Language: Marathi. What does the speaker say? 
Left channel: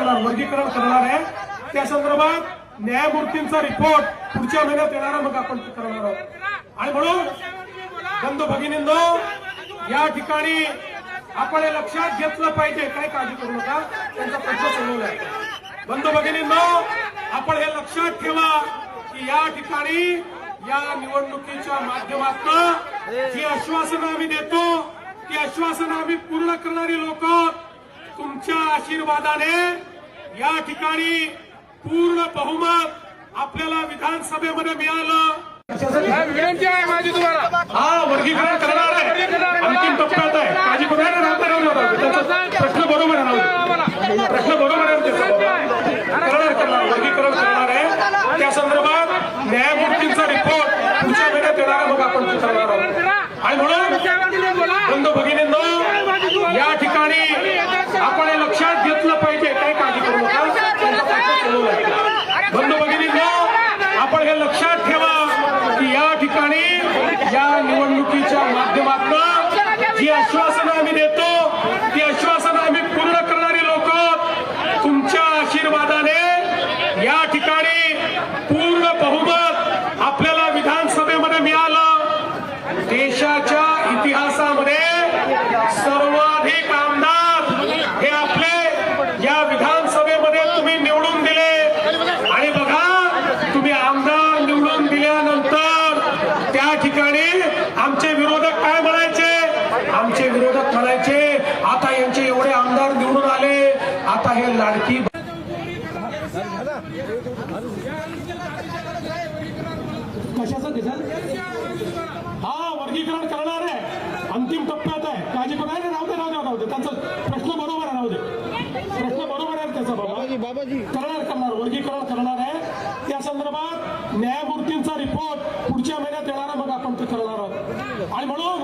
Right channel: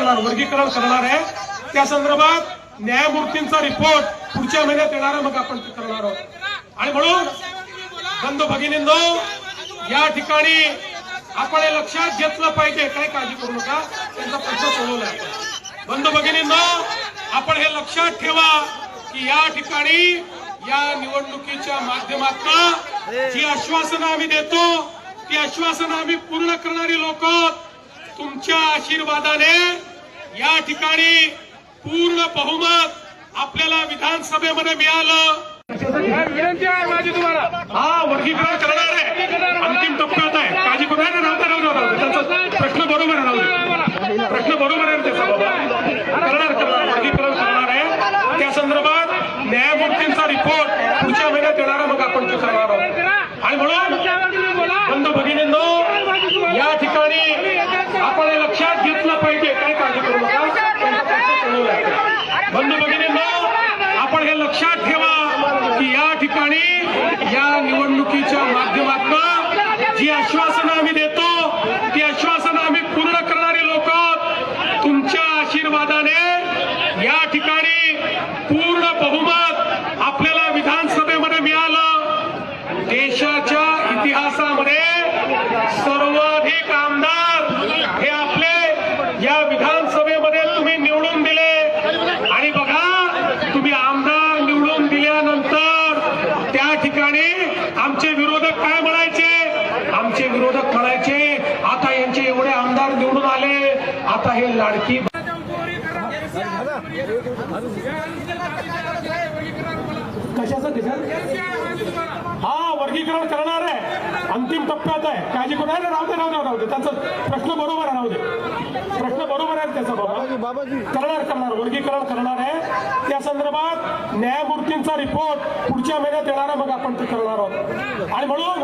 करणार वर्गीकरण करणार आहे. त्या संदर्भात न्यायमूर्तींचा रिपोर्ट पुढच्या महिन्यात येणार मग आपण करणार आहोत. आणि म्हणून बंधू भगिनींनो या ठिकाणी आपण हे लक्षात घेतलं पाहिजे. काय काळजी करू नका. त्यांचा प्रश्न सोडवला आहे. बंधू भगिनींनो आपण हे लक्षात ठेवा की या ठिकाणी या निवडणुकीच्या माध्यमातून जी आश्वासनं आम्ही देतो ती आश्वासनं आम्ही पूर्ण करणारी लोक तुमच्या आशीर्वादाने या ठिकाणी पूर्ण बहुमत आपल्याला विधानसभेमध्ये मिळालं. विनंती आहे माझी तुम्हाला हा वर्गीकरण करणार आहे. अंतिम टप्प्यात आहे. काळजी करू राहता नका. प्रश्न बरोबर आहे प्रश्न बरोबर आहे करणार करणार आहे त्या संदर्भात न्यायमूर्तींचा रिपोर्ट पुढच्या महिन्यात येणार आहे, मग आपण ते करणार आहोत आणि म्हणून बंधू भगिनींनो या ठिकाणी आपण हे लक्षात काळजी करू नका. त्यांचा बंधू भगिनींनो आपण हे लक्षात ठेवा की या ठिकाणी या निवडणुकीच्या माध्यमातून जी आश्वासनं आम्ही देतो ती आश्वासनं आम्ही पूर्ण करणारी लोक तुमच्या आशीर्वादाने या ठिकाणी पूर्ण बहुमत आपल्याला विधानसभेमध्ये मिळालं. देशाच्या इतिहासामध्ये सर्वाधिक आमदार हे आपले या विधानसभेमध्ये तुम्ही निवडून दिले. आणि बघा तुम्ही आमदार निवडून दिल्यानंतर त्या ठिकाणी आमचे विरोधक काय म्हणायचे? आमचे विरोधक म्हणायचे आता यांचे एवढे आमदार निवडून आले आता हे लाडकी कशाचं हा वर्गीकरण करणार आहे. अंतिम टप्प्यात आहे. काळजी करू. नये राहू दे राहू दे राहू दे. त्यांचा प्रश्न बरोबर आहे राहू दे. प्रश्न बरोबर आहे त्याचा बाबा. करणार करणार वर्गीकरण करणार आहे. त्या संदर्भात न्यायमूर्तींचा रिपोर्ट पुढच्या महिन्यात येणार आहे. मग आपण ते करणार आहोत. आणि म्हणून